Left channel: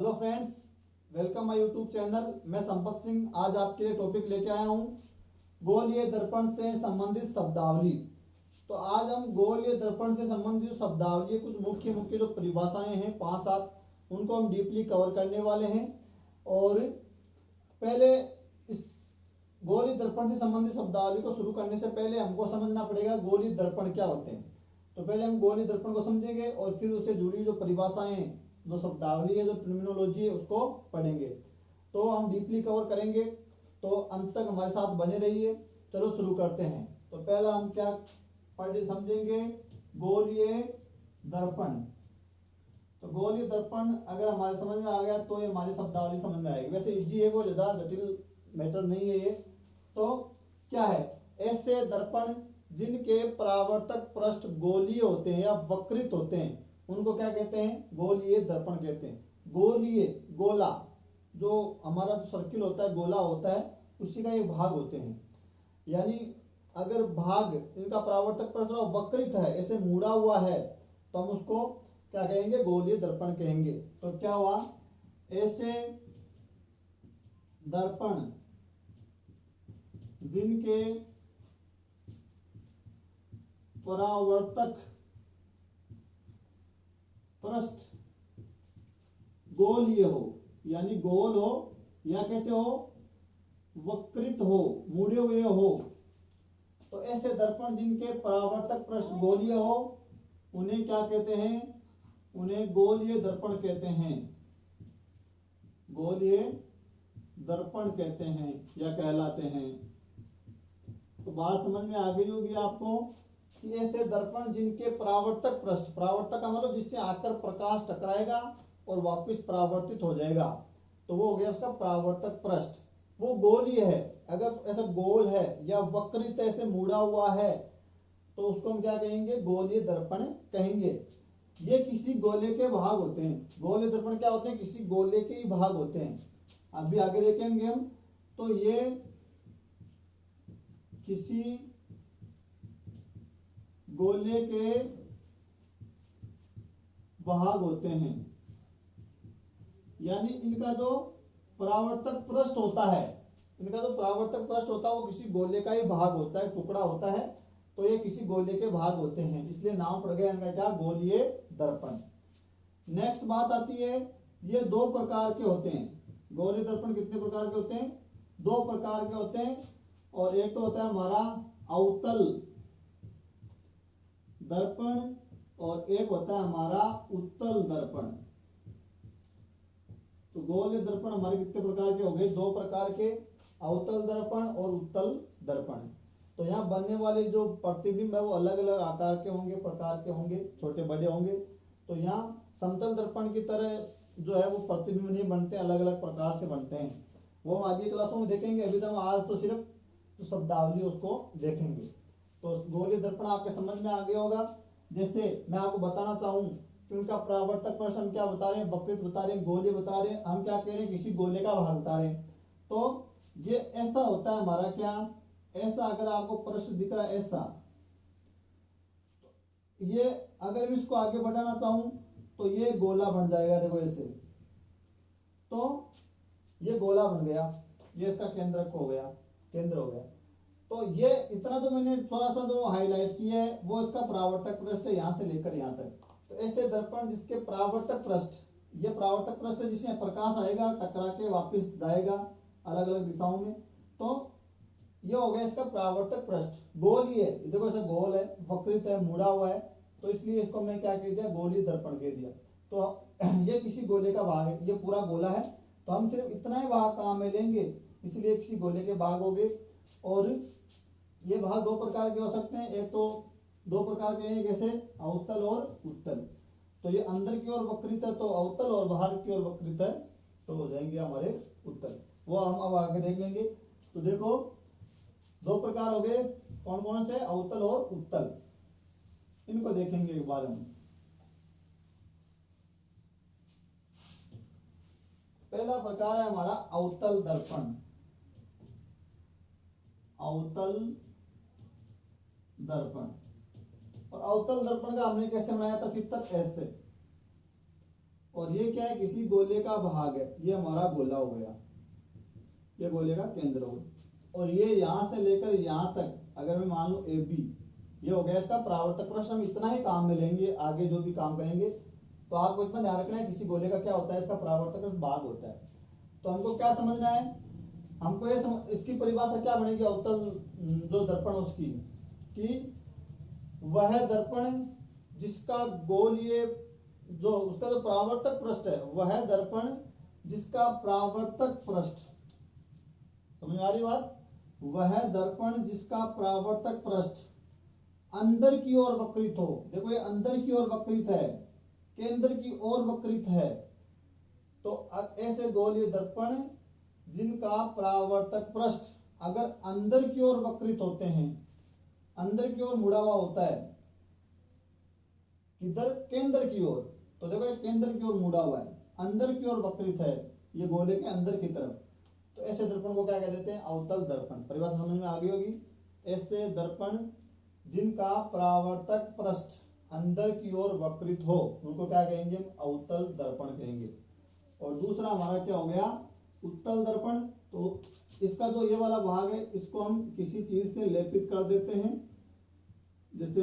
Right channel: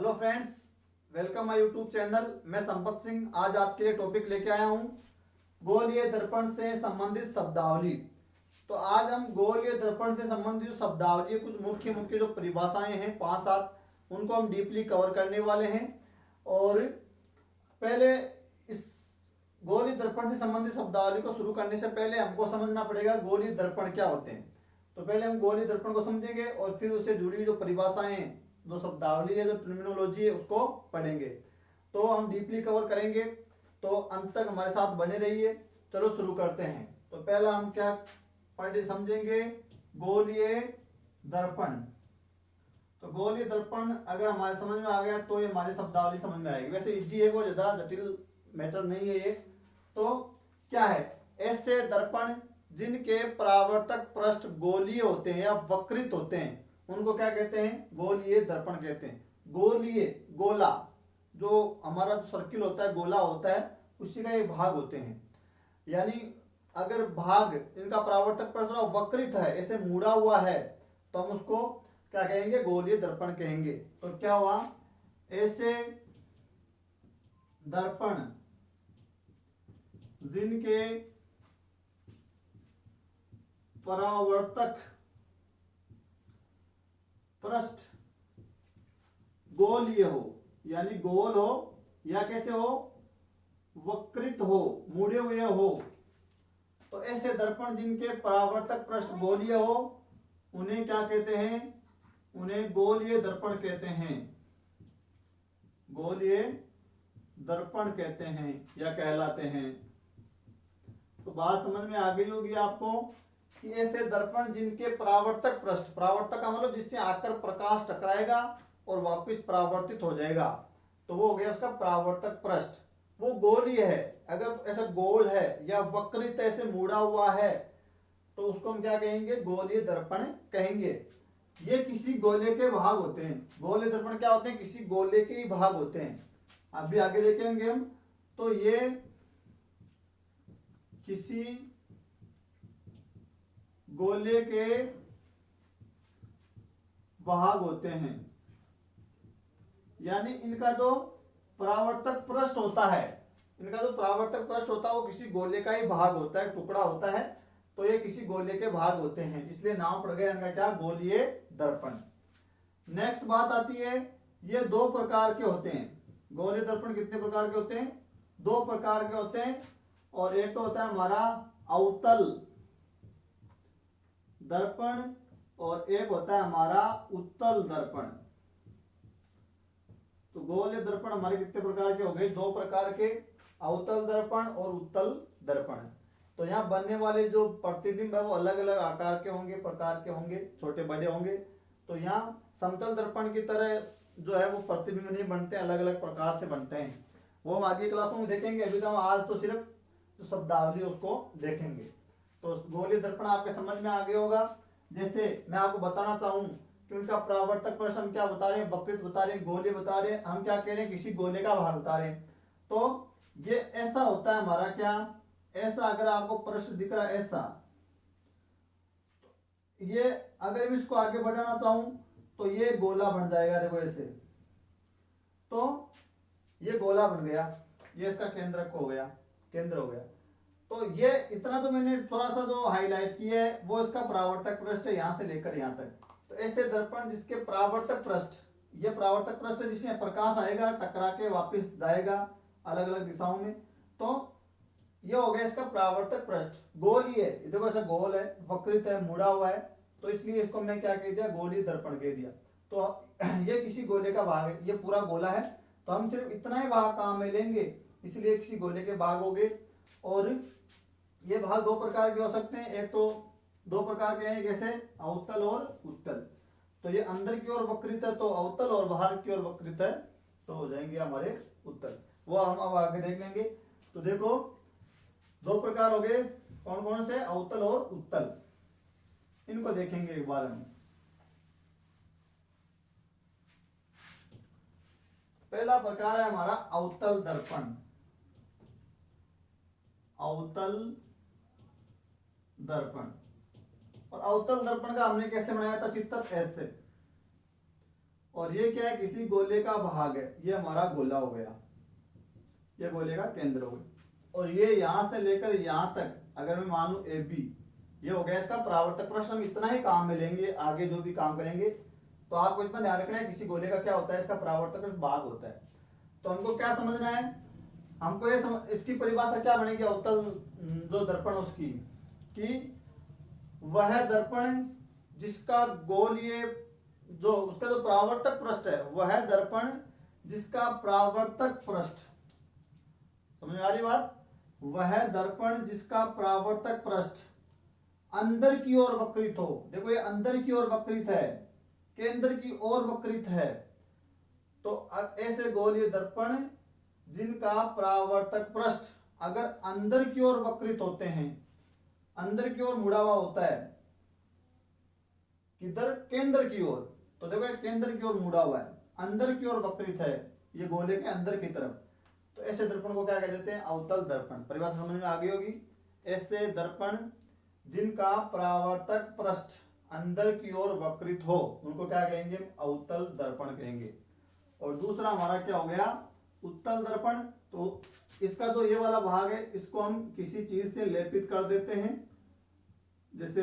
Hello friends, welcome my YouTube channel. मैं संपत सिंह आज आपके लिए टॉपिक लेके आया हूँ गोलीय दर्पण से संबंधित शब्दावली। तो आज हम गोलीय दर्पण से संबंधित शब्दावली कुछ मुख्य मुख्य जो परिभाषाएं हैं 5-7 उनको हम डीपली कवर करने वाले हैं। और पहले इस गोलीय दर्पण से संबंधित शब्दावली को शुरू करने से पहले हमको समझना पड़ेगा गोलीय दर्पण क्या होते हैं। तो पहले हम गोलीय दर्पण को समझेंगे और फिर उससे जुड़ी जो परिभाषाएं जो शब्दावली है जो टर्मिनोलॉजी है उसको पढ़ेंगे। तो हम डीपली कवर करेंगे, तो अंत तक हमारे साथ बने रहिए। चलो शुरू करते हैं। तो पहला हम क्या पढ़े समझेंगे, गोलीय दर्पण। तो गोलीय दर्पण अगर हमारे समझ में आ गया तो ये हमारी शब्दावली समझ में आएगी। वैसे इजी है, वो ज्यादा जटिल मैटर नहीं है ये। तो क्या है, ऐसे दर्पण जिनके परावर्तक पृष्ठ गोलीय होते हैं या वक्रित होते हैं उनको क्या कहते हैं, गोलीय दर्पण कहते हैं। गोलीय गोला, जो हमारा जो सर्किल होता है गोला होता है उसी का ये भाग होते हैं। यानी अगर भाग इनका परावर्तक पृष्ठ वक्रित है, ऐसे मुड़ा हुआ है, तो हम उसको क्या कहेंगे, गोलीय दर्पण कहेंगे। तो क्या हुआ, ऐसे दर्पण जिनके परावर्तक पृष्ठ गोलीय हो, यानी गोल हो या कैसे हो, वक्रित हो, मुड़े हुए हो। तो ऐसे दर्पण जिनके परावर्तक पृष्ठ गोलीय हो उन्हें क्या कहते हैं, उन्हें गोलीय दर्पण कहते हैं। गोलीय दर्पण कहते हैं या कहलाते हैं। तो बात समझ में आ गई होगी आपको कि ऐसे दर्पण जिनके परावर्तक पृष्ठ, परावर्तक का मतलब जिससे आकर प्रकाश टकराएगा और वापस परावर्तित हो जाएगा, तो वो हो गया उसका परावर्तक पृष्ठ। वो गोलीय है, अगर ऐसा गोल है या वक्रित ऐसे मुड़ा हुआ है तो उसको हम क्या कहेंगे, गोलीय दर्पण कहेंगे। ये किसी गोले के भाग होते हैं। गोलीय दर्पण क्या होते हैं, किसी गोले के ही भाग होते हैं। अभी आगे देखेंगे हम। तो ये किसी गोले के भाग होते हैं, यानी इनका जो परावर्तक पृष्ठ होता है, इनका जो परावर्तक पृष्ठ होता है वो किसी गोले का ही भाग होता है, टुकड़ा होता है। तो ये किसी गोले के भाग होते हैं, इसलिए नाम पड़ गया इनका क्या, गोलीय दर्पण। नेक्स्ट बात आती है, ये दो प्रकार के होते हैं। गोलीय दर्पण कितने प्रकार के होते हैं, दो प्रकार के होते हैं। और एक तो होता है हमारा अवतल दर्पण और एक होता है हमारा उत्तल दर्पण। तो गोलीय दर्पण हमारे कितने प्रकार के हो गए, दो प्रकार के, अवतल दर्पण और उत्तल दर्पण। तो यहाँ बनने वाले जो प्रतिबिंब है वो अलग अलग आकार के होंगे, प्रकार के होंगे, छोटे बड़े होंगे। तो यहाँ समतल दर्पण की तरह जो है वो प्रतिबिंब नहीं बनते, अलग अलग प्रकार से बनते हैं। वो हम आगे क्लासों में देखेंगे। अभी तो हम आज तो सिर्फ जो शब्दावली उसको देखेंगे। तो गोलीय दर्पण आपके समझ में आ गया होगा। जैसे मैं आपको बताना चाहूँ कि उनका परावर्तक पृष्ठ हम क्या बता रहे हैं, वक्रित बता रहे हैं, गोलीय बता रहे हैं, हम क्या कह रहे हैं, किसी गोले का भाग बता रहे हैं। तो ये ऐसा होता है हमारा क्या, ऐसा अगर आपको पृष्ठ दिख रहा है ऐसा, ये अगर मैं इसको आगे बढ़ाना चाहूं तो ये गोला बन जाएगा, देखो ऐसे। तो ये गोला बन गया, ये इसका केंद्र हो गया, केंद्र हो गया। तो ये इतना तो मैंने थोड़ा सा जो हाईलाइट किया है वो इसका परावर्तक पृष्ठ है, यहां से लेकर यहां तक। तो ऐसे दर्पण जिसके परावर्तक पृष्ठ, ये परावर्तक पृष्ठ है जिसमें प्रकाश आएगा, टकरा के वापस जाएगा अलग अलग दिशाओं में। तो ये हो गया इसका परावर्तक पृष्ठ। गोलीय है, देखो ऐसा गोल है, वक्रित है, मुड़ा हुआ है, तो इसलिए इसको मैं क्या कह दिया, गोलीय दर्पण कह दिया। तो ये किसी गोले का भाग है, ये पूरा गोला है, तो हम सिर्फ इतना ही भाग काम में लेंगे, इसलिए किसी गोले के भाग हो गए। और ये भाग दो प्रकार के हो सकते हैं, एक तो दो प्रकार के हैं, जैसे अवतल और उत्तल। तो ये अंदर की ओर वक्रित है तो अवतल, और बाहर की ओर वक्रित है तो हो जाएंगे हमारे उत्तल। वो हम अब आगे देख लेंगे। तो देखो दो प्रकार हो गए, कौन कौन से, अवतल और उत्तल। इनको देखेंगे एक बार हम। पहला प्रकार है हमारा अवतल दर्पण। अवतल दर्पण, और अवतल दर्पण का हमने कैसे बनाया था चित्र, ऐसे। और ये क्या है, किसी गोले का भाग है, ये हमारा गोला हो गया, ये गोले का केंद्र हो गया। और ये यहां से लेकर यहां तक अगर मैं मान लू AB, ये हो गया इसका परावर्तक पृष्ठ। हम इतना ही काम में लेंगे, आगे जो भी काम करेंगे तो आपको इतना ध्यान रखना है, किसी गोले का क्या होता है, इसका परावर्तक पृष्ठ भाग होता है। तो हमको क्या समझना है, हमको ये इसकी परिभाषा क्या बनेगी अवतल जो दर्पण उसकी, कि वह दर्पण जिसका गोलीय जो उसका जो परावर्तक पृष्ठ है, वह दर्पण जिसका परावर्तक पृष्ठ, समझ में आ रही बात, वह दर्पण जिसका परावर्तक पृष्ठ अंदर की ओर वक्रित हो। देखो ये अंदर की ओर वक्रित है, केंद्र की ओर वक्रित है, तो ऐसे गोलीय दर्पण जिनका परावर्तक पृष्ठ अगर अंदर की ओर वक्रित होते हैं, अंदर की ओर मुड़ा हुआ होता है, किधर, केंद्र की ओर, तो देखो ये केंद्र की ओर मुड़ा हुआ है, अंदर की ओर वक्रित है, ये गोले के अंदर की तरफ, तो ऐसे दर्पण को क्या कह देते हैं, अवतल दर्पण। परिभाषा समझ में आ गई होगी। ऐसे दर्पण जिनका परावर्तक पृष्ठ अंदर की ओर वक्रित हो उनको क्या कहेंगे, अवतल दर्पण कहेंगे। और दूसरा हमारा क्या हो गया, उत्तल दर्पण। तो इसका जो ये वाला भाग है इसको हम किसी चीज से लेपित कर देते हैं, जैसे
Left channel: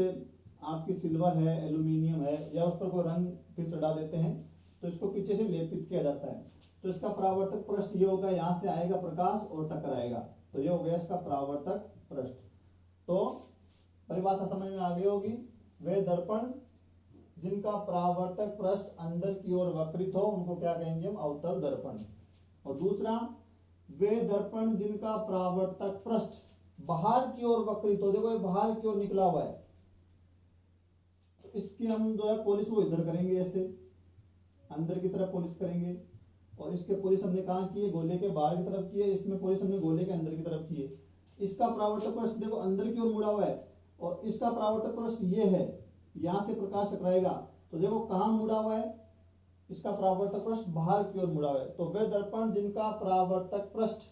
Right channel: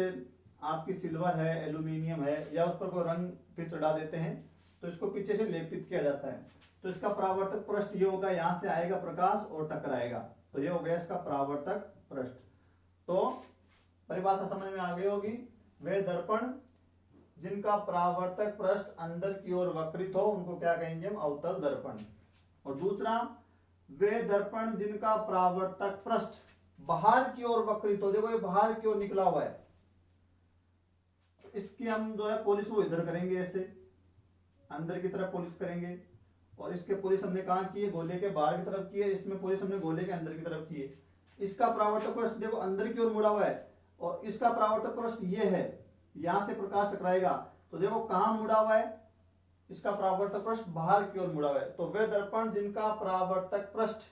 आपकी सिल्वर है, एल्यूमिनियम है, या उस पर कोई रंग फिर चढ़ा देते हैं, तो इसको पीछे से लेपित किया जाता है। तो इसका परावर्तक पृष्ठ ये होगा, यहां से आएगा प्रकाश और टकराएगा, तो ये हो गया इसका परावर्तक पृष्ठ। तो परिभाषा समझ में आ गई होगी। वे दर्पण जिनका परावर्तक पृष्ठ अंदर की ओर वक्रित हो उनको क्या कहेंगे हम, अवतल दर्पण। और दूसरा, वे दर्पण जिनका परावर्तक पृष्ठ बाहर की ओर वक्रित हो, देखो ये बाहर की ओर निकला हुआ है, इसकी हम जो है पॉलिश वो इधर करेंगे, ऐसे अंदर की तरफ पॉलिश करेंगे, और इसके पॉलिश हमने कहाँ की है, गोले के बाहर की तरफ की है, इसमें पॉलिश हमने गोले के अंदर की तरफ की है। इसका परावर्तक पृष्ठ देखो अंदर की ओर मुड़ा हुआ है, और इसका परावर्तक पृष्ठ ये है, यहां से प्रकाश टकराएगा, तो देखो कहां मुड़ा हुआ है, इसका परावर्तक पृष्ठ बाहर की ओर मुड़ा हुआ है। तो वे दर्पण जिनका परावर्तक पृष्ठ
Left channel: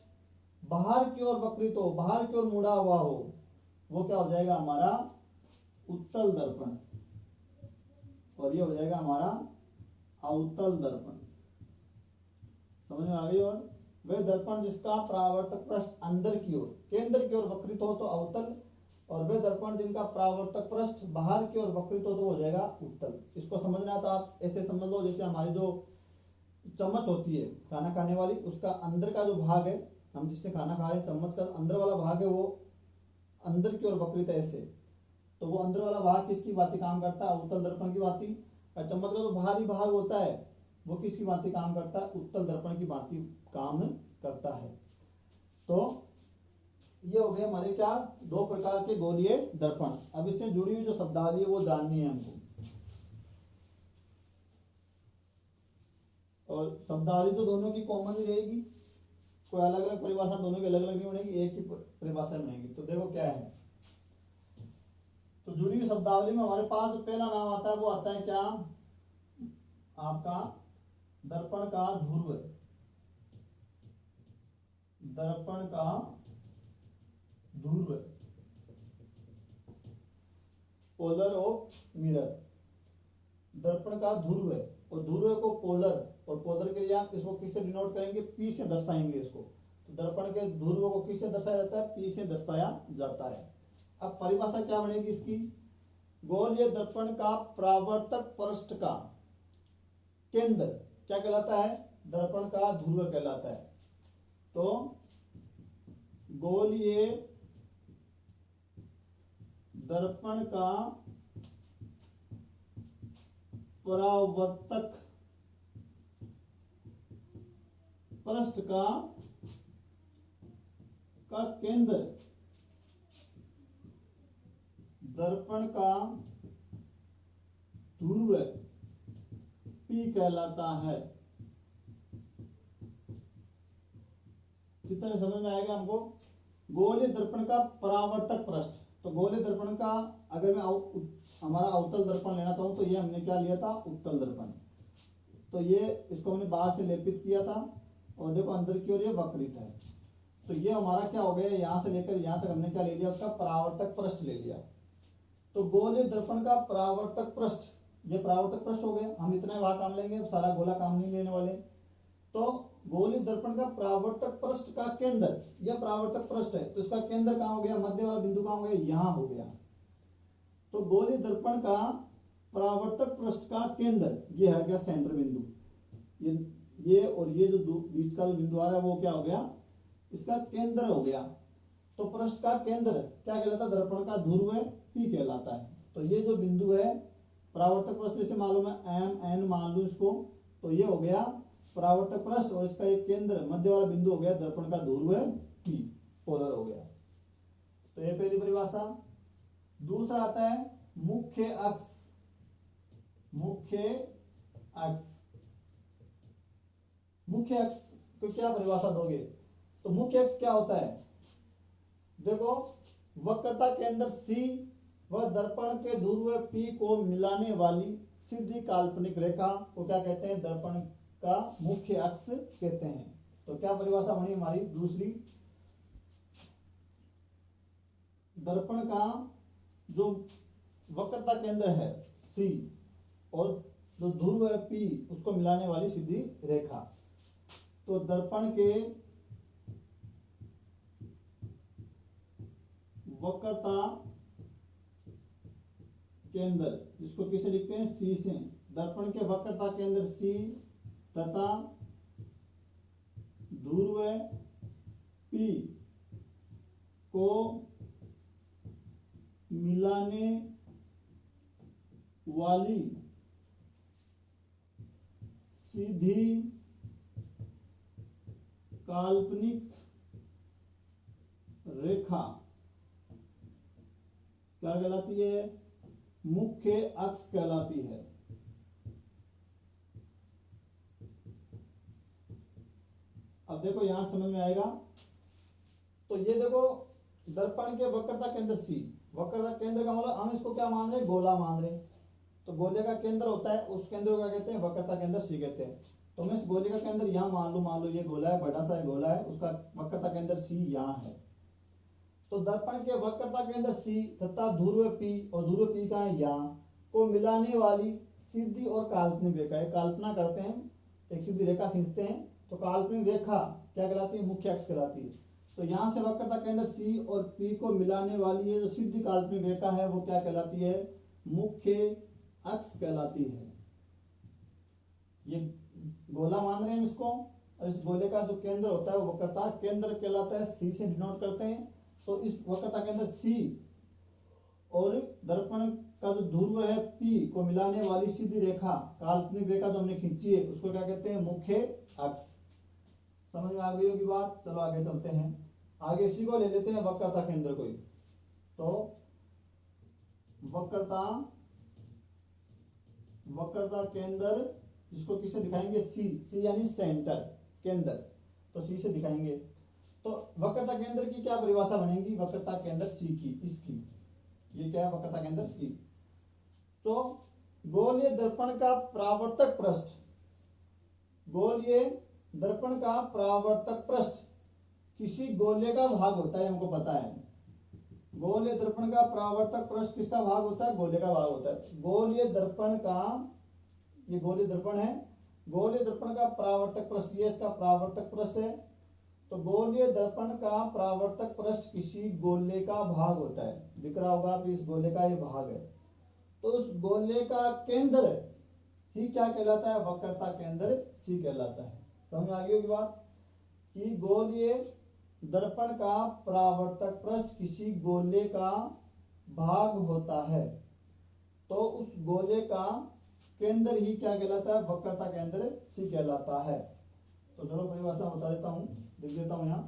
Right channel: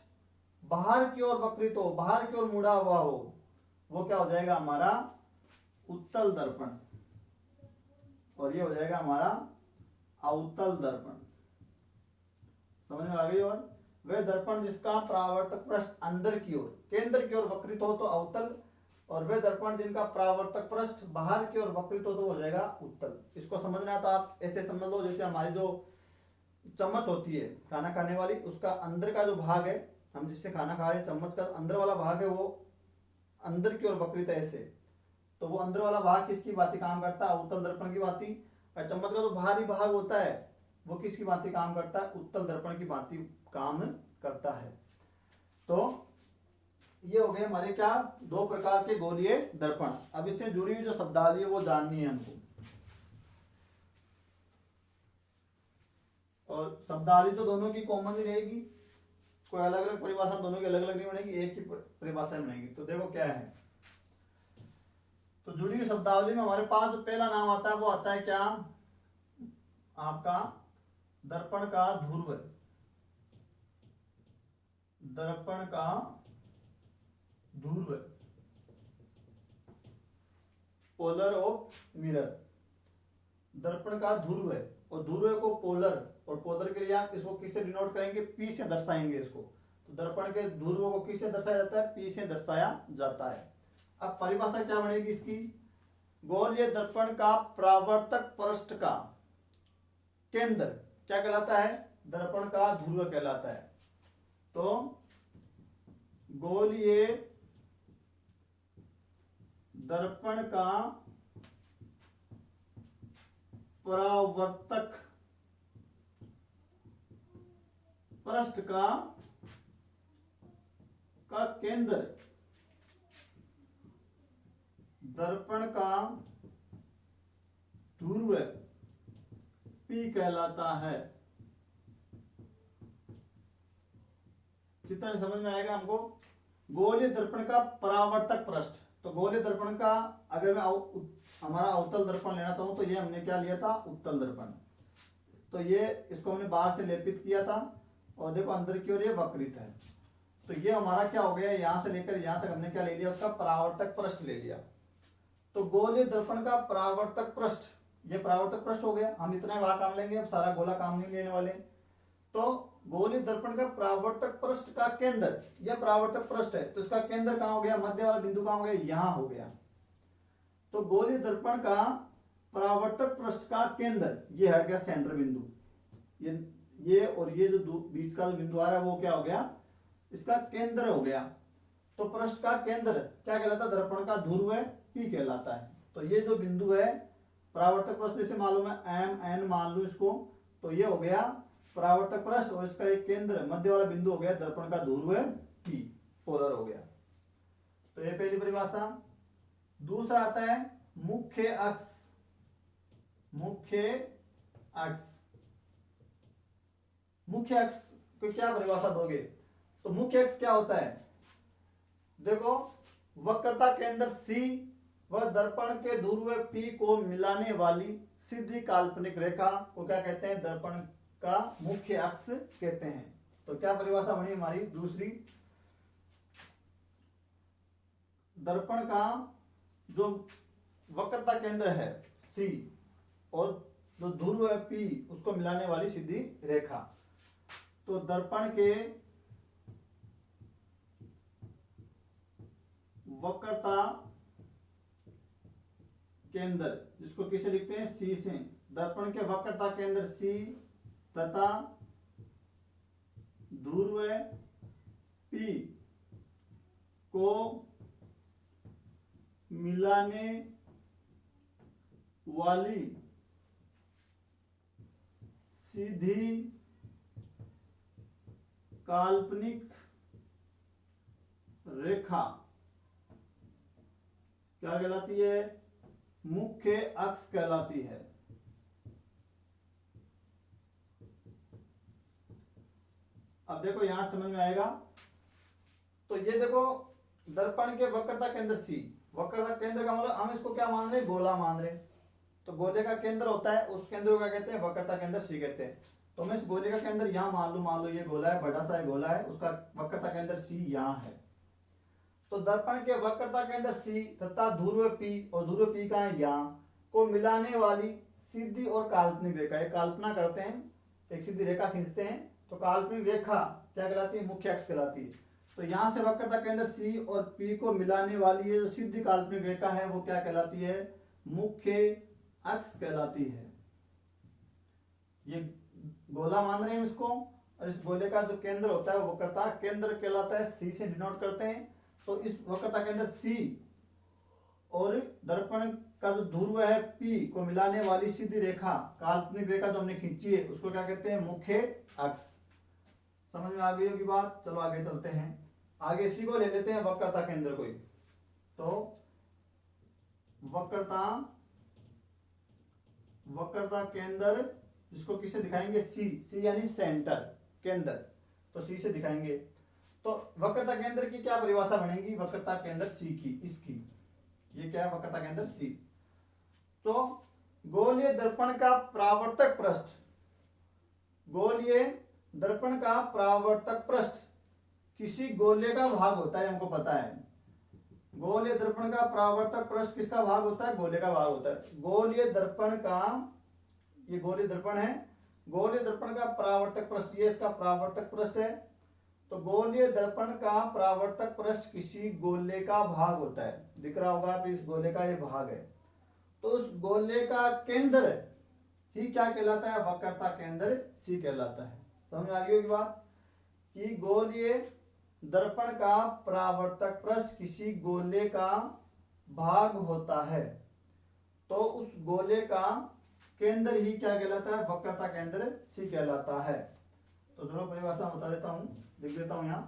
बाहर की ओर वक्रित हो, बाहर की ओर मुड़ा हुआ हो, वो क्या हो जाएगा हमारा, उत्तल दर्पण, और ये हो जाएगा हमारा अवतल दर्पण। समझ में आ गई। और वे दर्पण जिसका परावर्तक पृष्ठ अंदर की ओर, केंद्र की ओर वक्रित हो तो अवतल, और वे दर्पण जिनका परावर्तक पृष्ठ बाहर की ओर वक्रित हो तो हो जाएगा उत्तल। इसको समझना तो आप ऐसे समझ लो, जैसे हमारी जो चम्मच होती है खाना खाने वाली, उसका अंदर का जो भाग है, हम जिससे खाना खा रहे हैं, चम्मच का अंदर वाला भाग है वो अंदर की ओर वक्रित है ऐसे, तो वो अंदर वाला भाग किसकी भांति काम करता है, अवतल दर्पण की भांति। और चम्मच का जो बाहरी भाग होता है वो किसकी भांति काम करता है, उत्तल दर्पण की भांति काम करता है। तो ये हो गए हमारे क्या, दो प्रकार के गोलीय दर्पण। अब इससे जुड़ी हुई जो शब्दावली है वो जाननी है हमको, और शब्दावली तो दोनों की कॉमन ही रहेगी, कोई अलग अलग परिभाषा दोनों की अलग अलग नहीं बनेगी, एक ही परिभाषा बनेगी। तो देखो क्या है, तो जुड़ी हुई शब्दावली में हमारे पास जो पहला नाम आता है वो आता है क्या, आपका दर्पण का ध्रुव, दर्पण का ध्रुव, पोलर ऑफ मिरर, दर्पण का ध्रुव है, और ध्रुव को पोलर, और पोलर के लिए आप इसको किससे डिनोट करेंगे, पी से दर्शाएंगे इसको। तो दर्पण के ध्रुव को किससे दर्शाया जाता है, पी से दर्शाया जाता है। अब परिभाषा क्या बनेगी इसकी, गोलीय दर्पण का परावर्तक पृष्ठ का केंद्र क्या कहलाता है, दर्पण का ध्रुव कहलाता है। तो गोलीय दर्पण का परावर्तक पृष्ठ का केंद्र दर्पण का ध्रुव पी कहलाता है। चित्र समझ में आएगा हमको। गोलीय दर्पण का परावर्तक पृष्ठ, तो गोलीय दर्पण का अगर मैं हमारा अवतल दर्पण लेना चाहूं तो ये हमने क्या लिया था, उत्तल दर्पण। तो ये इसको हमने बाहर से लेपित किया था, और देखो अंदर की ओर ये वक्रित है, तो ये हमारा क्या हो गया, यहां से लेकर यहां तक हमने क्या ले लिया, उसका परावर्तक पृष्ठ ले लिया। तो गोलीय दर्पण का परावर्तक पृष्ठ ये परावर्तक पृष्ठ हो गया, हम इतना वहां काम लेंगे, अब सारा गोला काम नहीं लेने वाले। तो गोलीय दर्पण का परावर्तक पृष्ठ का केंद्र, यह परावर्तक पृष्ठ है तो इसका केंद्र कहां हो गया, मध्य वाला बिंदु कहां हो गया, यहां हो गया। तो गोलीय दर्पण का परावर्तक पृष्ठ का केंद्र ये हट गया सेंटर बिंदु, ये और ये जो बीच का जो बिंदु आ रहा है वो क्या हो गया, इसका केंद्र हो गया। तो पृष्ठ का केंद्र क्या कहलाता है, दर्पण का ध्रुव P कहलाता है। तो ये जो बिंदु है परावर्तक पृष्ठ, जैसे मालूम है एम एन मान लो इसको, तो ये हो गया परावर्तक पृष्ठ और इसका एक केंद्र मध्य वाला बिंदु हो गया दर्पण का ध्रुव P, पोलर हो गया। तो ये पहली परिभाषा। दूसरा आता है मुख्य अक्ष। मुख्य अक्ष, मुख्य अक्ष को क्या परिभाषा दोगे, तो मुख्य अक्ष क्या होता है, देखो वक्रता केंद्र C व दर्पण के ध्रुव P को मिलाने वाली सीधी काल्पनिक रेखा को क्या कहते हैं, दर्पण का मुख्य अक्ष कहते हैं। तो क्या परिभाषा बनी हमारी दूसरी, दर्पण का जो वक्रता केंद्र है C और जो ध्रुव है P उसको मिलाने वाली सीधी रेखा। तो दर्पण के वक्रता केंद्र, जिसको किसे लिखते हैं C से, दर्पण के वक्रता केंद्र C तथा ध्रुव P को मिलाने वाली सीधी काल्पनिक रेखा क्या कहलाती है, मुख्य अक्ष कहलाती है। अब देखो यहां समझ में आएगा। तो ये देखो दर्पण के वक्रता केंद्र C, वक्रता केंद्र का मतलब हम इसको क्या मान रहे हैं, गोला मान रहे हैं। तो गोले का केंद्र होता है, उस केंद्र को क्या कहते हैं, वक्रता केंद्र C कहते हैं। तो मैं इस गोले का केंद्र यहाँ मान लो ये गोला है, बड़ा सा गोला है, उसका वक्रता केंद्र C यहाँ है। तो दर्पण के वक्रता केंद्र C तथा ध्रुव P और ध्रुव P का है यहाँ को मिलाने वाली सीधी और काल्पनिक रेखा, एक कल्पना करते हैं, एक सीधी रेखा खींचते हैं, तो काल्पनिक रेखा क्या कहलाती है, मुख्य अक्ष कहलाती है। तो यहाँ से वक्रता केंद्र C और P को मिलाने वाली ये जो सीधी काल्पनिक रेखा है वो क्या कहलाती है, मुख्य अक्ष कहलाती है। ये गोला मान रहे हैं इसको, और इस गोले का जो केंद्र होता है वो वक्रता केंद्र कहलाता है, C से डिनोट करते हैं। तो इस वक्रता केंद्र C और दर्पण का जो ध्रुव है P को मिलाने वाली सीधी रेखा, काल्पनिक रेखा जो हमने खींची है उसको क्या कहते हैं, मुख्य अक्ष। समझ में आ गई होगी बात। चलो आगे चलते हैं, आगे इसी को ले लेते हैं वक्रता केंद्र को। तो वक्रता केंद्र जिसको किससे दिखाएंगे, C यानी सेंटर, केंद्र, तो C से दिखाएंगे। तो वक्रता केंद्र की क्या परिभाषा बनेगी, वक्रता केंद्र C की, इसकी, ये क्या है, वक्रता केंद्र C। तो गोलीय दर्पण का परावर्तक पृष्ठ, गोलीय दर्पण का परावर्तक पृष्ठ किसी गोले का भाग होता है, हमको पता है। गोलीय दर्पण का परावर्तक पृष्ठ किसका भाग होता है, गोले का भाग होता है। गोलीय दर्पण का, ये गोलीय दर्पण है, गोलीय दर्पण का परावर्तक पृष्ठ, ये इसका परावर्तक पृष्ठ है। तो गोलीय दर्पण का परावर्तक पृष्ठ किसी गोले का भाग होता है, दिख रहा होगा आप, इस गोले का ये भाग है। तो उस गोले का केंद्र ही क्या कहलाता है, वक्रता केंद्र C कहलाता है। समझ आ गई होगी बात, कि गोलीय दर्पण का परावर्तक पृष्ठ किसी गोले का भाग होता है, तो उस गोले का केंद्र ही क्या कहलाता है, वक्रता केंद्र C कहलाता है। तो दोनों परिभाषा बता देता हूं, लिख देता हूं यहां।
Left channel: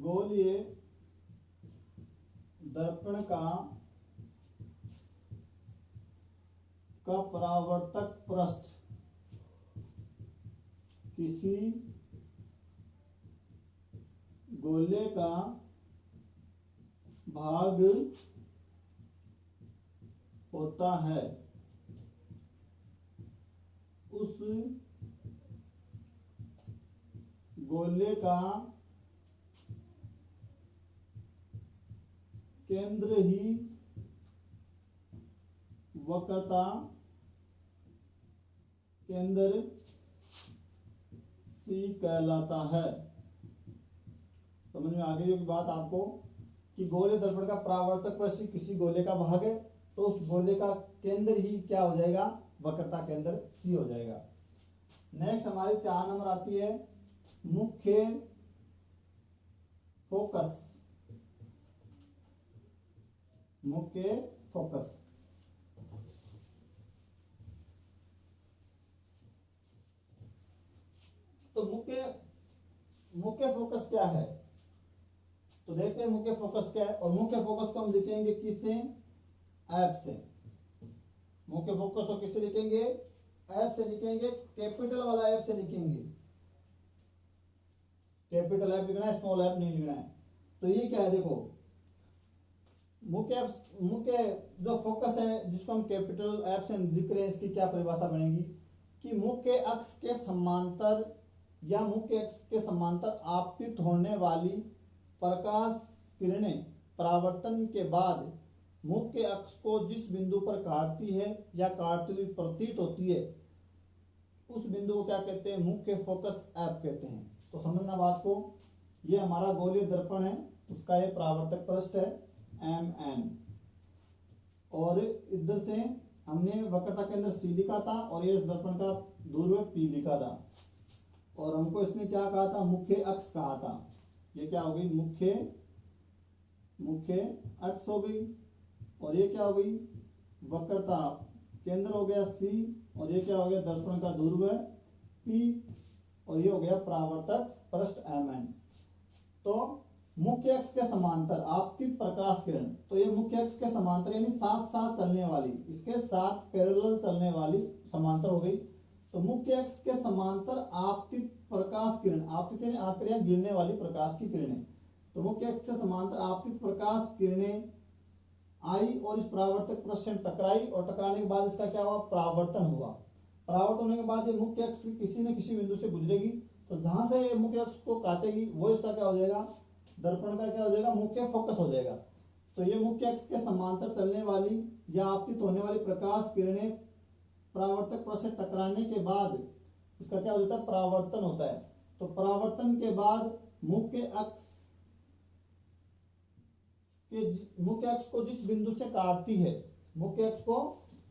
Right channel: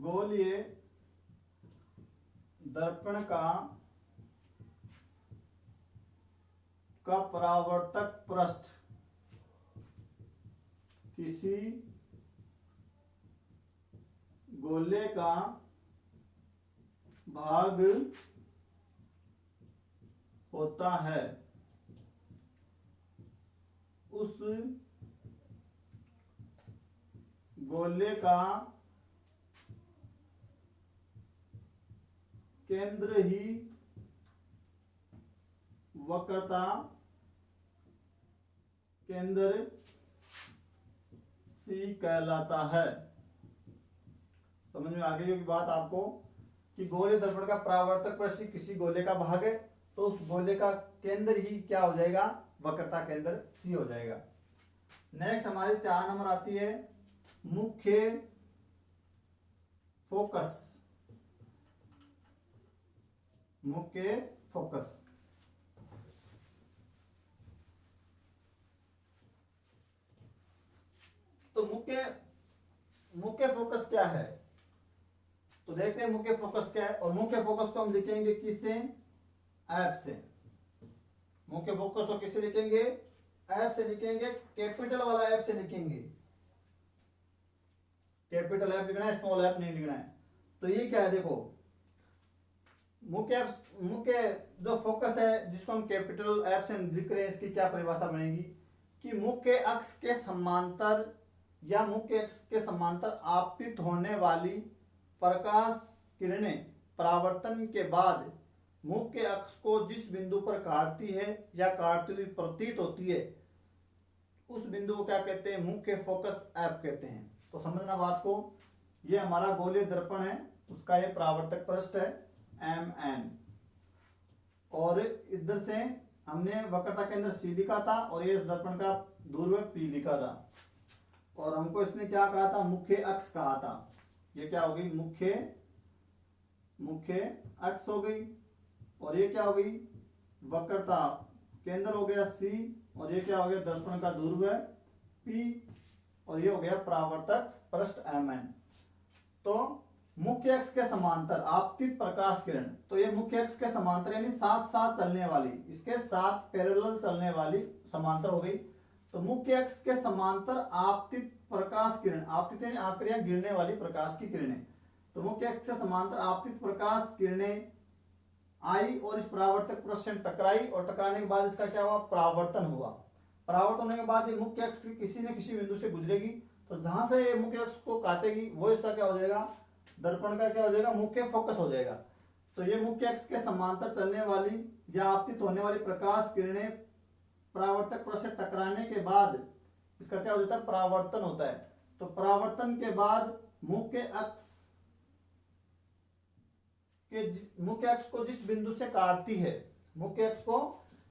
गोलीय दर्पण का परावर्तक पृष्ठ किसी गोले का भाग होता है, उस गोले का केंद्र ही वक्रता केंद्र सी कहलाता है। समझ में आ गई होगी बात आपको कि गोलीय दर्पण का परावर्तक पृष्ठ किसी गोले का भाग है तो उस गोले का केंद्र ही क्या हो जाएगा, वक्रता केंद्र सी हो जाएगा। नेक्स्ट हमारी 4 नंबर आती है मुख्य फोकस। मुख्य फोकस तो मुख्य फोकस क्या है, तो देखते हैं मुख्य फोकस क्या है। और मुख्य फोकस को हम लिखेंगे किससे, एफ से। मुख्य फोकस को किससे लिखेंगे, एफ से लिखेंगे, कैपिटल वाला एफ से लिखेंगे। कैपिटल एफ लिखना है, स्मॉल एफ नहीं लिखना है। तो ये क्या है, देखो मुख्य जो फोकस है जिसको हम कैपिटल एफ से लिख रहे हैं, इसकी क्या परिभाषा बनेगी कि मुख्य अक्ष के समांतर या मुख्य अक्ष के समांतर आपतित होने वाली प्रकाश किरणें परावर्तन के बाद मुख्य अक्ष को जिस बिंदु पर काटती है या काटती हुई प्रतीत होती है उस बिंदु को क्या कहते हैं, मुख्य फोकस एफ कहते हैं। तो समझना बात को, ये हमारा गोलीय दर्पण है, उसका ये परावर्तक पृष्ठ है MN, और इधर से हमने वक्रता केंद्र C लिखा था और ये इस दर्पण का ध्रुव P लिखा था, और हमको इसने क्या कहा था, मुख्य अक्ष कहा था। ये क्या हो गई, मुख्य अक्ष हो गई, और ये क्या हो गई, वक्रता केंद्र हो गया C, और ये क्या हो गया, दर्पण का ध्रुव है P, और ये हो गया परावर्तक पृष्ठ MN। तो मुख्य अक्ष के समांतर आपतित प्रकाश किरण, तो ये मुख्य अक्ष के समांतर यानी साथ साथ चलने वाली, इसके साथ पैरेलल चलने वाली समांतर हो गई। तो मुख्य अक्ष के समांतर आपतित प्रकाश किरण, आपतित यानी आक्रिया गिरने वाली प्रकाश की किरणें, तो मुख्य अक्ष से समांतर आपतित प्रकाश किरणें आई और इस परावर्तक पृष्ठ से टकराई, और टकराने के बाद इसका क्या हुआ, परावर्तन हुआ। परावर्तन होने के बाद ये मुख्य अक्ष किसी न किसी बिंदु से गुजरेगी, तो जहां से ये मुख्य अक्ष को काटेगी वो इसका क्या हो जाएगा, दर्पण का क्या हो जाएगा, मुख्य फोकस हो जाएगा। तो ये मुख्य अक्ष के समांतर चलने वाली या आपतित होने वाली प्रकाश किरणें परावर्तक पृष्ठ से टकराने के बाद इसका क्या हो जाता है, परावर्तन होता है। तो परावर्तन के बाद मुख्य अक्ष को जिस बिंदु से काटती है, मुख्य अक्ष को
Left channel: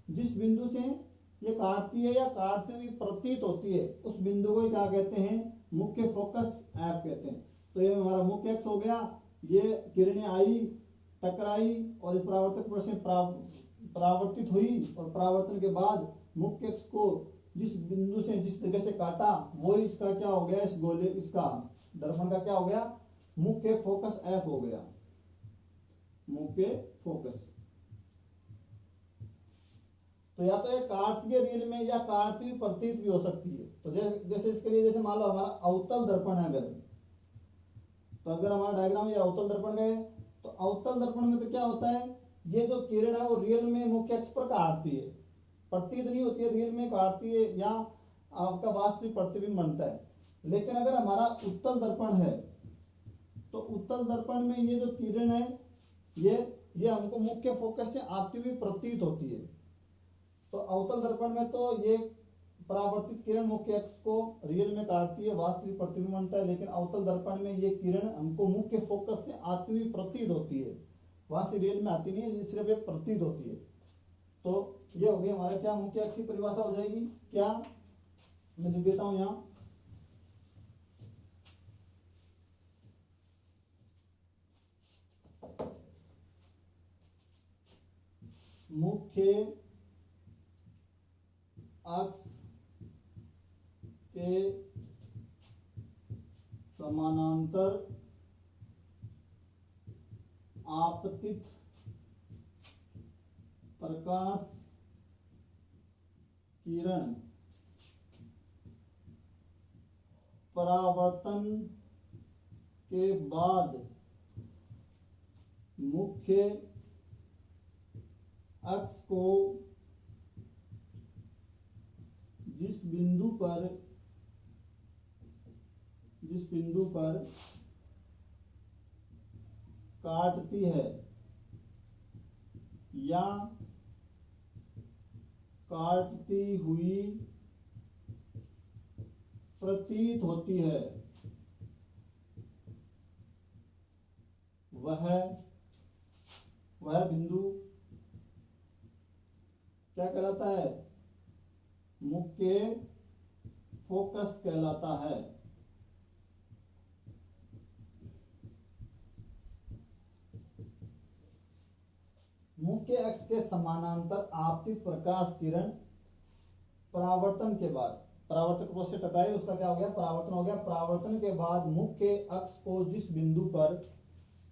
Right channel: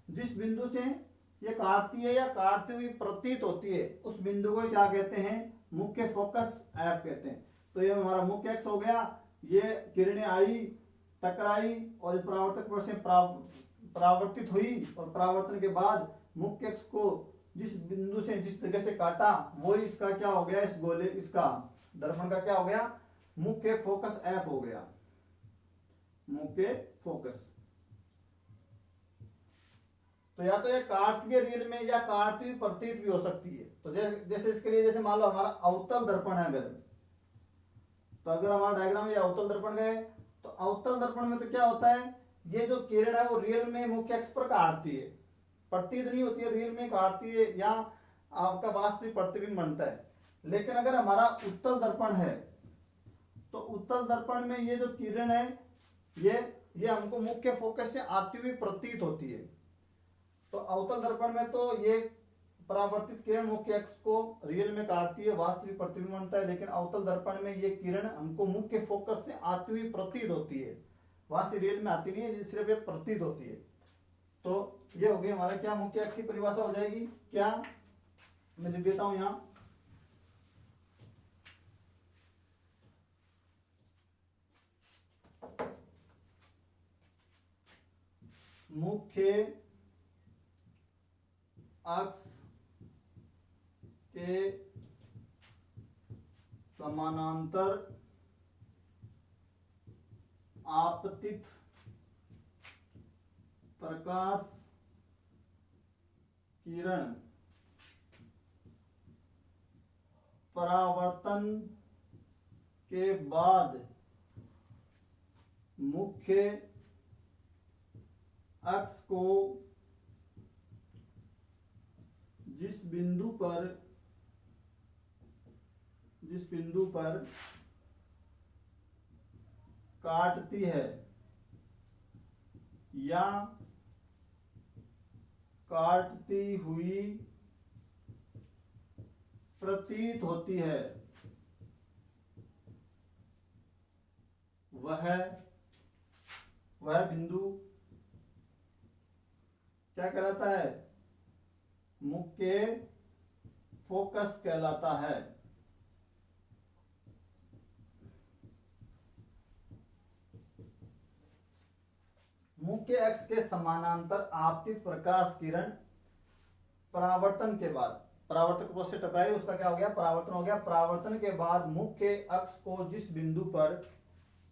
जिस बिंदु से ये काटती है या काटती हुई प्रतीत होती है उस बिंदु को क्या कहते हैं, मुख्य फोकस एफ कहते हैं। तो ये हमारा मुख्य अक्ष हो गया, ये किरणें आई, टकराई और इस परावर्तक पृष्ठ से परावर्तित हुई, और परावर्तन के बाद मुख्य अक्ष को जिस बिंदु से जिस जगह से काटा वो इसका क्या हो गया, इस गोले इसका दर्पण का क्या हो गया, मुख्य फोकस एफ हो गया, मुख्य फोकस। तो या तो ये काटती है रियल में या काटती हुई प्रतीत भी हो सकती है। तो जैसे इसके लिए, जैसे मान लो हमारा अवतल दर्पण है, तो अगर हमारा डायग्राम ये अवतल दर्पण का है, तो अवतल दर्पण में तो क्या होता है, ये जो किरण है वो रियल में मुख्य अक्ष पर काटती है, प्रतीत नहीं होती है, रियल में काटती है या आपका वास्तविक प्रतिबिंब बनता है। लेकिन अगर हमारा उत्तल दर्पण है तो उत्तल दर्पण में ये जो किरण है ये हमको मुख्य फोकस से आती हुई प्रतीत होती है। तो अवतल दर्पण में तो ये परावर्तित किरण मुख्य अक्ष को रियल में काटती है, वास्तविक प्रतिबिंब बनता है। लेकिन अवतल दर्पण में ये किरण हमको मुख्य फोकस से आती हुई प्रतीत होती है, वहां से रियल में आती नहीं है, सिर्फ ये प्रतीत होती है। तो ये हो गई हमारा क्या, मुख्य अक्ष की परिभाषा हो जाएगी क्या, मैं लिख देता हूं यहां, मुख्य अक्ष के समानांतर आपतित प्रकाश किरण परावर्तन के बाद मुख्य अक्ष को जिस बिंदु पर काटती है या काटती हुई प्रतीत होती है वह बिंदु क्या कहलाता है? मुख्य फोकस कहलाता है। मुख्य अक्ष के समानांतर आपतित प्रकाश किरण परावर्तन के बाद, परावर्तक से टकराई, उसका क्या हो गया? परावर्तन हो गया। परावर्तन के बाद मुख्य अक्ष को जिस बिंदु पर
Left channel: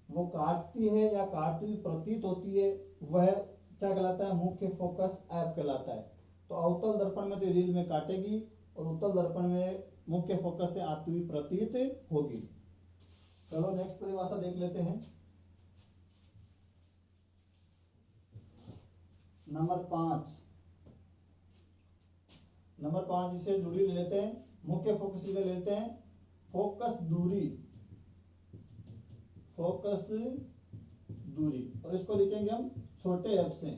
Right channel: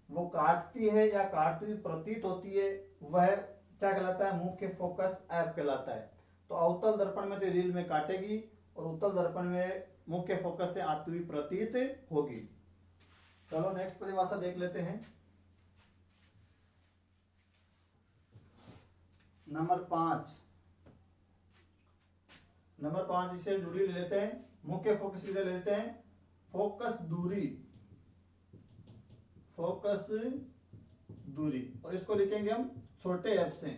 वो काटती है या काटती हुई प्रतीत होती है वह क्या कहलाता है? मुख्य फोकस एफ कहलाता है। तो अवतल दर्पण में तो रील में काटेगी और उत्तल दर्पण में मुख्य फोकस से आती हुई प्रतीत होगी। चलो नेक्स्ट परिभाषा देख लेते हैं। नंबर 5 इससे जुड़ी ले लेते हैं। मुख्य फोकस ले लेते हैं। फोकस दूरी और इसको लिखेंगे हम छोटे एफ से।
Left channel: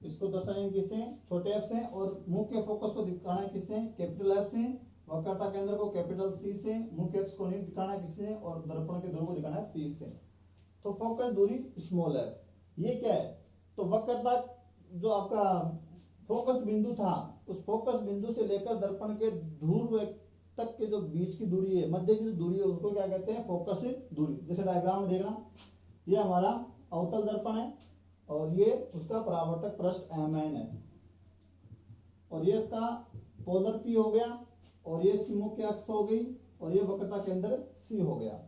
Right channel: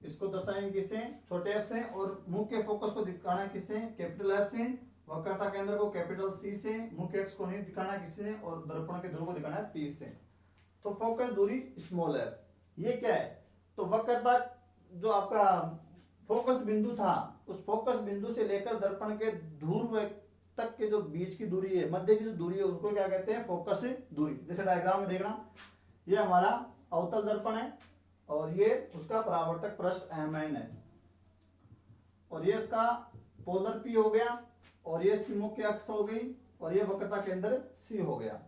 इसको दर्शाएंगे किससे? छोटे एफ से। और मुख्य फोकस को दिखाना है किससे? कैपिटल एफ से। वक्रता केंद्र को कैपिटल सी से। मुख्य अक्ष को नहीं दिखाना किससे? और दर्पण के ध्रुव को दिखाना है पी से। तो फोकस दूरी स्मॉल एफ, ये क्या है? तो वक्रता जो आपका फोकस बिंदु था, उस फोकस बिंदु से लेकर दर्पण के ध्रुव तक के जो बीच की दूरी है, मध्य की जो दूरी है, उसको क्या कहते हैं? फोकस दूरी। जैसे डायग्राम में देखना, ये हमारा अवतल दर्पण है और ये उसका परावर्तक पृष्ठ Mn है और ये इसका पोलर P हो गया और ये इसकी मुख्य अक्ष हो गई और ये वक्रता केंद्र C हो गया।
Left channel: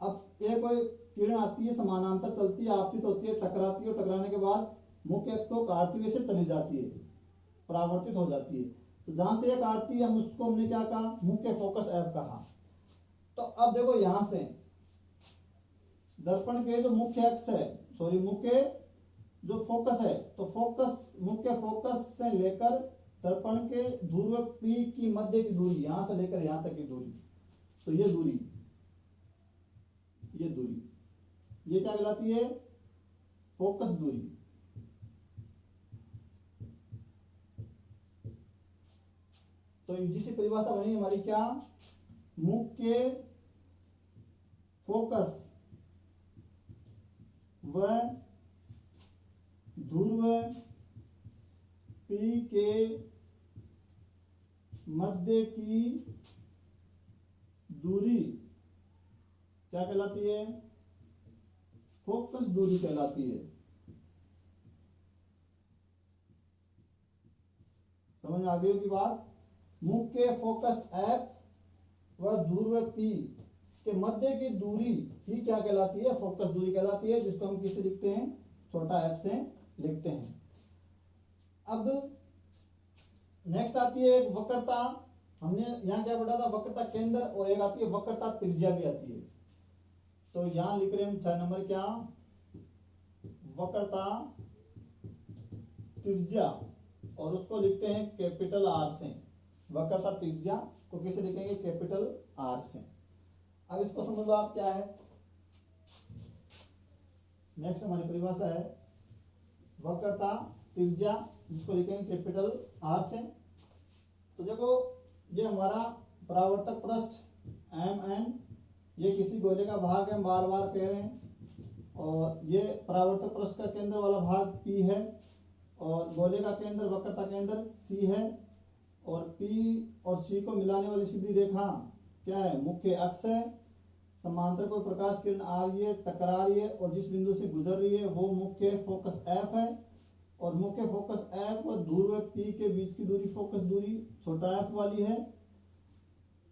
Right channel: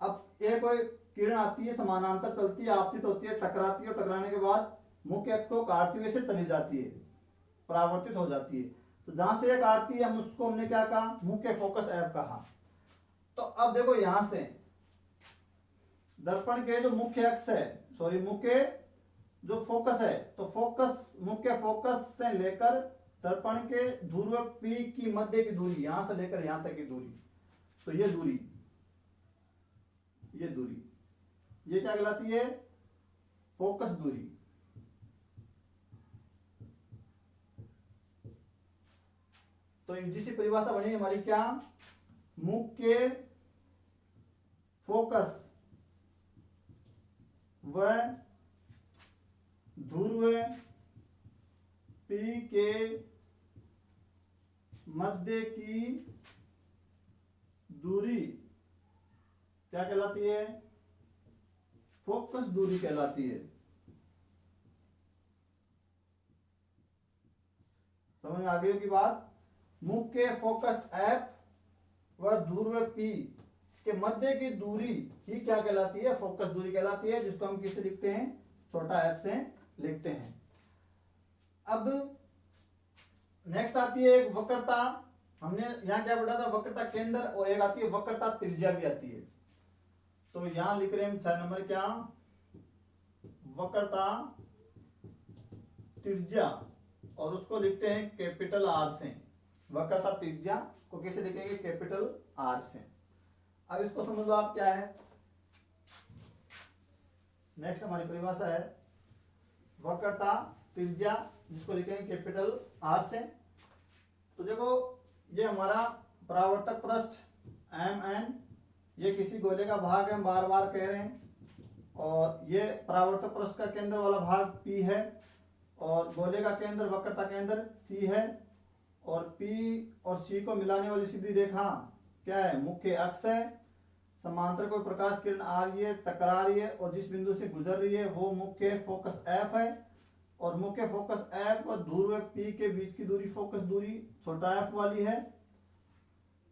अब ये कोई किरण आती है, समानांतर चलती है, आपतित होती है, टकराती है और टकराने के बाद मुख्य अक्ष को काटती हुए से चली जाती है, परावर्तित हो जाती है। तो जहां से ये काटती है हमने क्या कहा? मुख्य फोकस एफ कहा। तो अब देखो यहां से दर्पण के जो मुख्य अक्ष है, मुख्य जो फोकस है, तो मुख्य फोकस से लेकर दर्पण के ध्रुव P की मध्य की दूरी, यहां से लेकर यहां तक की दूरी, तो ये दूरी ये क्या कहलाती है? फोकस दूरी। तो जिसकी परिभाषा बनी हमारी क्या? मुख्य फोकस व ध्रुव P के मध्य की दूरी क्या कहलाती है? फोकस दूरी कहलाती है। समझ में आ गई की बात? मुख्य फोकस F व ध्रुव P के मध्य की दूरी ही क्या कहलाती है? फोकस दूरी कहलाती है, जिसको हम किससे लिखते हैं? छोटा f से लिखते हैं। अब नेक्स्ट आती है एक वक्रता। हमने यहाँ क्या पढ़ा था? वक्रता केंद्र, और एक आती है वक्रता त्रिज्या भी आती है। तो यहां लिख रहे हैं हम 6 नंबर क्या? वक्रता त्रिज्या, और उसको लिखते हैं कैपिटल आर से। वक्रता त्रिज्या को कैसे लिखेंगे? कैपिटल आर से। अब इसको समझ लो आप क्या है। नेक्स्ट हमारी परिभाषा है वक्रता त्रिज्या, जिसको लिखेंगे कैपिटल आर से। तो देखो ये हमारा परावर्तक पृष्ठ Mn, ये किसी गोले का भाग है, हम बार बार कह रहे हैं, और ये परावर्तक पृष्ठ का केंद्र वाला भाग P है, और गोले का केंद्र वक्रता केंद्र C है, और P और C को मिलाने वाली सीधी रेखा क्या है? मुख्य अक्ष है। समांतर कोई प्रकाश किरण आ रही है, टकरा रही है, और जिस बिंदु से गुजर रही है वो मुख्य फोकस F है, और मुख्य फोकस F और ध्रुव P के बीच की दूरी फोकस दूरी छोटा f वाली है।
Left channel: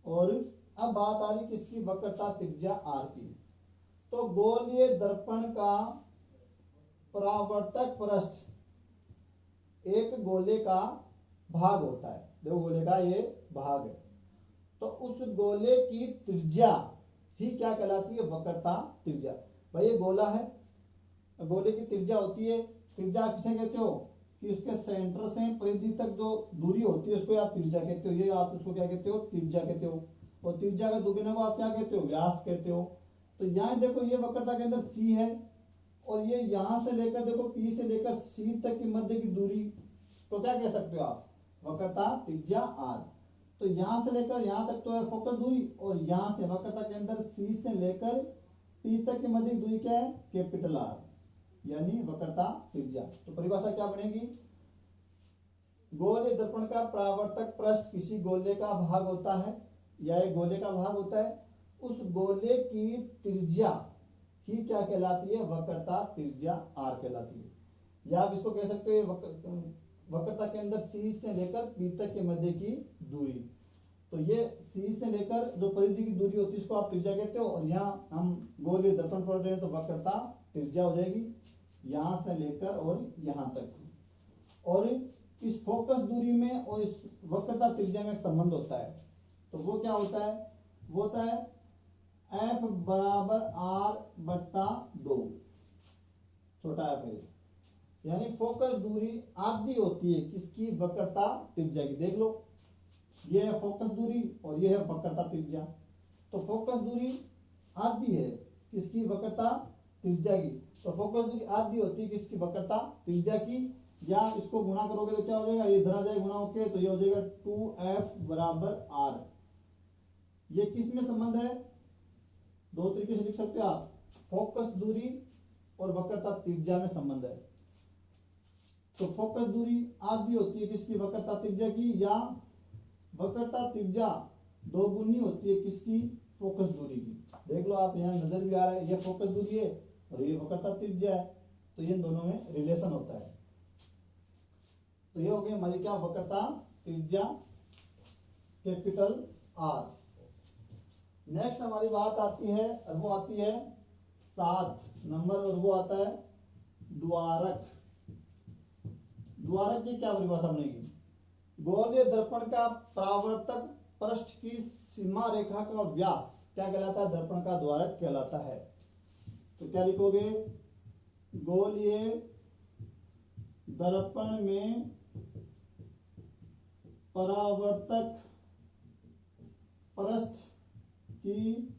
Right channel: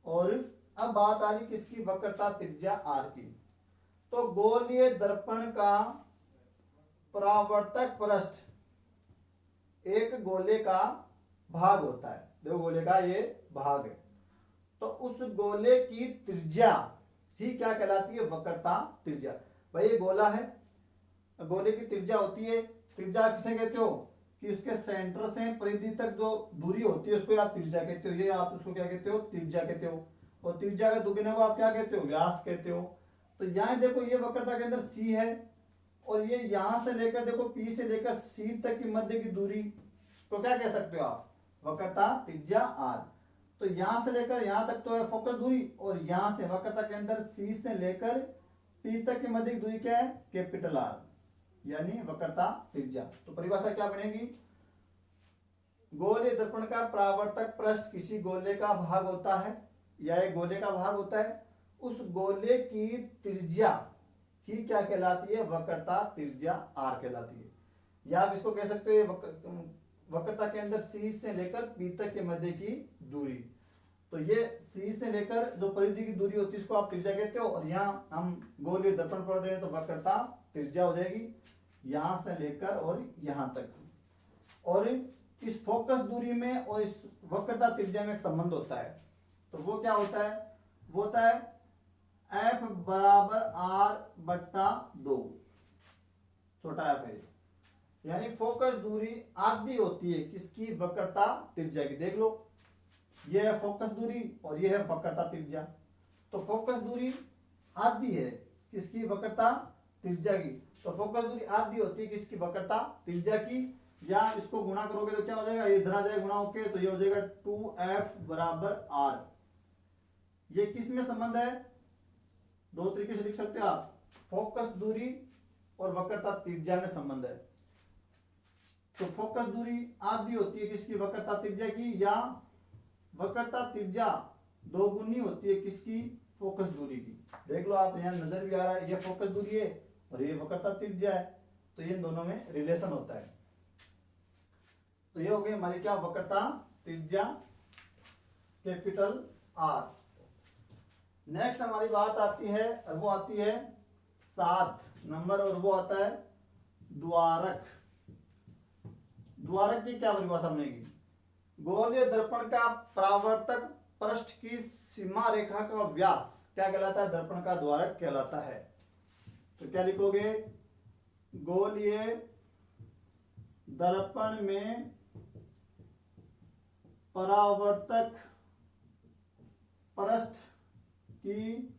और अब बात आ रही किसकी? वक्रता त्रिज्या R की। तो गोलीय दर्पण का परावर्तक पृष्ठ एक गोले का भाग होता है, देखो गोले का ये भाग है, तो उस गोले की त्रिज्या ही क्या कहलाती है? वक्रता त्रिज्या। भाई ये गोला है, गोले की त्रिज्या होती है, त्रिज्या किसे कहते हो? कि उसके सेंटर से परिधि तक जो दूरी होती है उसको आप त्रिज्या कहते हो। ये आप उसको क्या कहते हो? त्रिज्या कहते हो। और त्रिज्या का दुगुना को आप क्या कहते हो? व्यास कहते हो। तो यहाँ देखो ये वक्रता के अंदर C है और ये यहां से लेकर देखो P से लेकर C तक की मध्य की दूरी तो क्या कह सकते हो आप, वक्रता त्रिज्या R। तो यहां से लेकर यहां तक तो है फोकस दूरी, और यहां से वक्रता के अंदर C से लेकर P तक की मध्य की दूरी क्या है, कैपिटल R, यानी वक्रता त्रिज्या। तो परिभाषा क्या बनेगी, गोलीय दर्पण का परावर्तक पृष्ठ किसी गोले का भाग होता है या एक गोले का भाग होता है, उस गोले की त्रिज्या ही क्या कहलाती है, वक्रता त्रिज्या R कहलाती है। या आप इसको कह सकते हो वक्रता के अंदर C से लेकर P तक के मध्य की दूरी। तो ये C से लेकर जो परिधि की दूरी होती है इसको आप त्रिज्या कहते हो, और यहाँ हम गोलीय दर्पण पढ़ रहे हैं तो वक्रता त्रिज्या हो जाएगी यहां से लेकर और यहां तक। और इस फोकस दूरी में और इस वक्रता त्रिज्या में एक संबंध होता है, तो वो क्या होता है, वो होता है F बराबर R बट्टा 2, छोटा f है, यानी फोकस दूरी आधी होती है किसकी, वक्रता त्रिज्या की। देख लो ये है फोकस दूरी और ये है वक्रता त्रिज्या। तो फोकस दूरी आधी है किसकी, वक्रता त्रिज्या की। तो फोकस दूरी आधी होती है किसकी, वक्रता त्रिज्या की। या इसको गुणा करोगे तो क्या हो जाएगा, ये इधर आ जाएगा गुणा होके, तो ये हो जाएगा 2F बराबर R। ये किस में संबंध है, दो तरीके से लिख सकते हो आप, फोकस दूरी और वक्रता त्रिज्या में संबंध है। तो फोकस दूरी आधी होती है किसकी, वक्रता त्रिज्या की, या वक्रता त्रिज्या दोगुनी होती है किसकी, फोकस दूरी की। देख लो आप, यहाँ नजर भी आ रहा है, ये फोकस दूरी है और ये वक्रता त्रिज्या है, तो ये इन दोनों में रिलेशन होता है। तो ये हो गई हमारी क्या, वक्रता त्रिज्या कैपिटल R। नेक्स्ट हमारी बात आती है, और वो आती है 7 नंबर, और वो आता है द्वारक। द्वारक की क्या परिभाषा बनेगी, गोलीय दर्पण का परावर्तक पृष्ठ की सीमा रेखा का व्यास क्या कहलाता है, दर्पण का द्वारक कहलाता है। तो क्या लिखोगे, गोलीय दर्पण में परावर्तक पृष्ठ की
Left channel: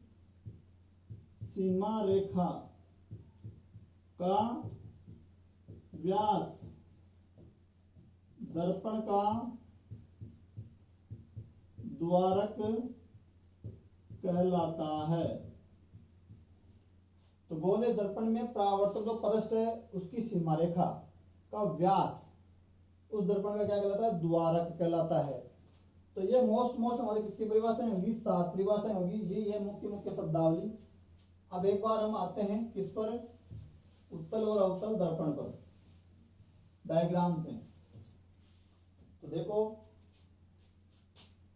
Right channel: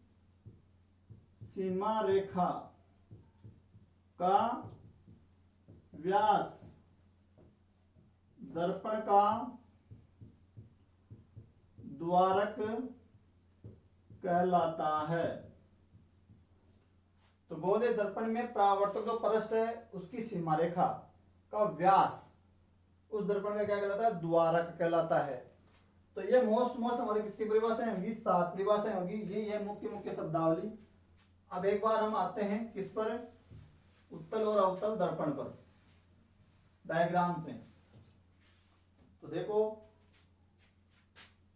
सीमा रेखा का व्यास दर्पण का द्वारक कहलाता है। तो गोलीय दर्पण में परावर्तक जो पृष्ठ है उसकी सीमा रेखा का व्यास उस दर्पण का क्या कहलाता है, द्वारक कहलाता है। तो ये मोस्ट हमारी कितनी परिभाषाएं होगी, 7 परिभाषाएं होगी। ये मुख्य शब्दावली। अब एक बार हम आते हैं किस पर, उत्तल और अवतल दर्पण पर, डायग्राम से। तो देखो,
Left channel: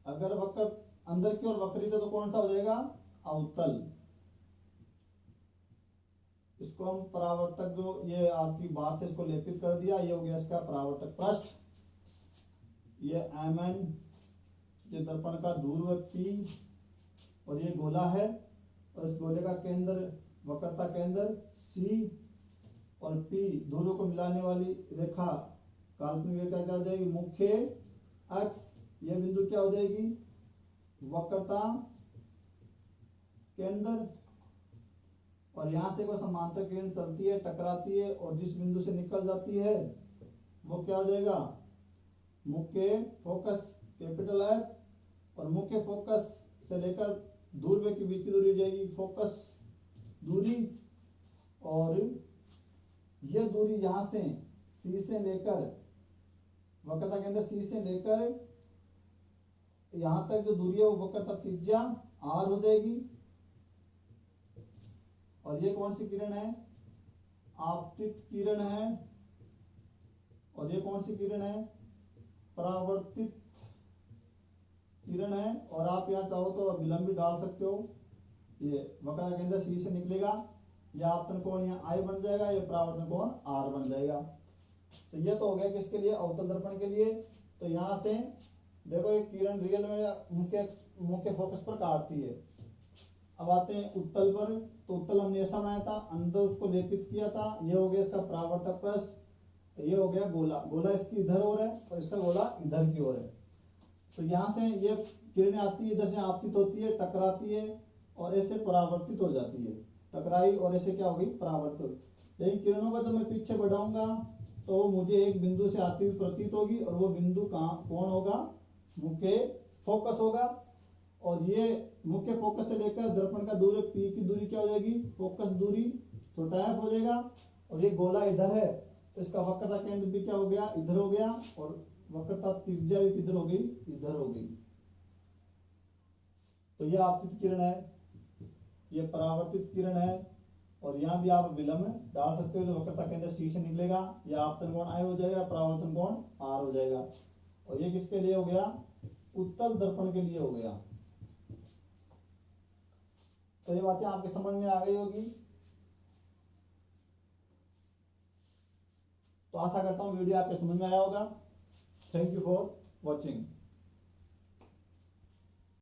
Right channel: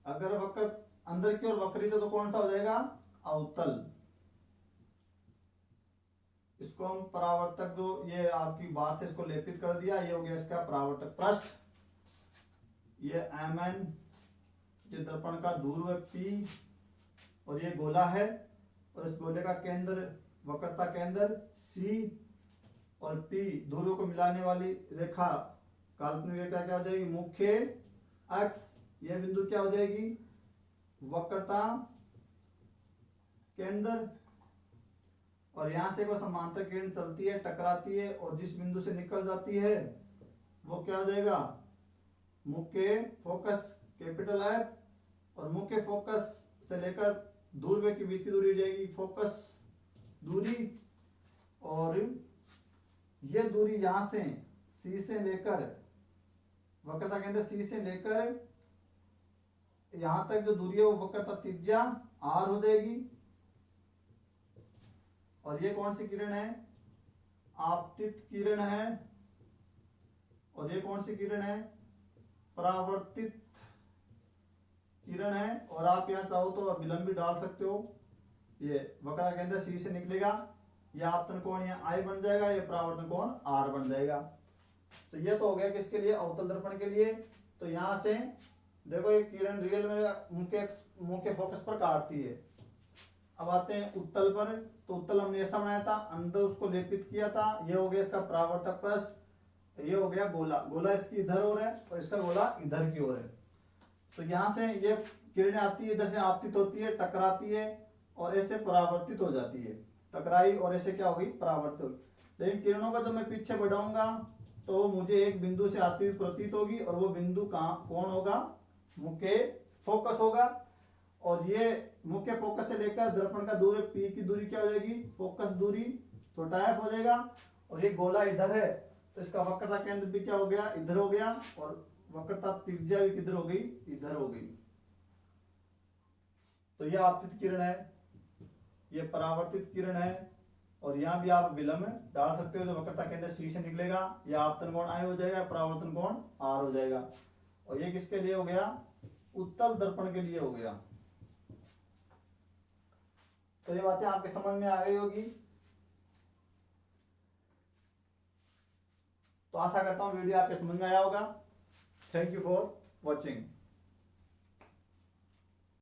अगर वक्र अंदर की ओर वक्रित है तो कौन सा हो जाएगा, अवतल। इसको हम परावर्तक, जो ये आपकी बार से इसको लेपित कर दिया, ये हो गया इसका परावर्तक पृष्ठ। ये MN, ये दर्पण का ध्रुव P, और ये गोला है, और इस गोले का केंद्र, वक्रता केंद्र C, और P ध्रुव को मिलाने वाली रेखा, काल्पनिक रेखा क्या हो जाएगी, मुख्य अक्ष। यह बिंदु क्या हो जाएगी, वक्रता केंद्र, और यहां से वो समांतर किरण चलती है, टकराती है, और जिस बिंदु से निकल जाती है वो क्या हो जाएगा, मुख्य फोकस कैपिटल F, और मुख्य फोकस से लेकर ध्रुव के बीच की दूरी हो जाएगी फोकस दूरी। और ये दूरी यहां से C से लेकर, वक्रता के अंदर C से लेकर यहां तक जो दूरी है वो वक्रता त्रिज्या R हो जाएगी। और ये कौन सी किरण है, आपतित किरण है, और ये कौन सी किरण है, परावर्तित किरण है। और आप यहाँ चाहो तो विलंब भी डाल सकते हो। ये वक्रता के अंदर C से निकलेगा, यह आपतन कोण यहाँ I बन जाएगा, ये परावर्तन कोण R बन जाएगा। तो ये तो हो गया किसके लिए, अवतल दर्पण के लिए। तो यहाँ से देखो एक किरण रियल में मुख्य फोकस पर काटती है। अब आते हैं उत्तल पर। तो उत्तल हमने ऐसा बनाया था, अंदर उसको लेपित किया था, ये हो गया इसका परावर्तक पृष्ठ, ये हो गया गोला। गोला इसकी इधर ओर है और इसका गोला इधर की ओर है। तो यहाँ से ये किरणें आती है, इधर से आपतित होती है, टकराती है, और ऐसे परावर्तित हो जाती है, टकराई और ऐसे क्या हो गई, परावर्तित। लेकिन किरणों का जब मैं पीछे बढ़ाऊंगा तो मुझे एक बिंदु से आती हुई प्रतीत होगी, और वो बिंदु कहाँ कौन होगा, मुख्य फोकस होगा। और ये मुख्य फोकस से लेकर दर्पण का दूरी पी की दूरी क्या हो जाएगी, फोकस दूरी छोटा एफ हो जाएगा। और ये गोला इधर है तो इसका वक्रता केंद्र भी क्या हो गया, इधर हो गया, और वक्रता त्रिज्या भी किधर हो गई, इधर हो गई। तो ये आपतित किरण है, ये परावर्तित किरण है, और यहाँ भी आप विलंब डाल सकते हो, जो वक्रता केंद्र सी से निकलेगा। यह आपतन कोण आई हो जाएगा, परावर्तन कोण आर हो जाएगा। और ये किसके लिए हो गया, उत्तल दर्पण के लिए हो गया। तो ये बातें आपके समझ में आ गई होगी। तो आशा करता हूँ वीडियो आपके समझ में आया होगा। Thank you for watching.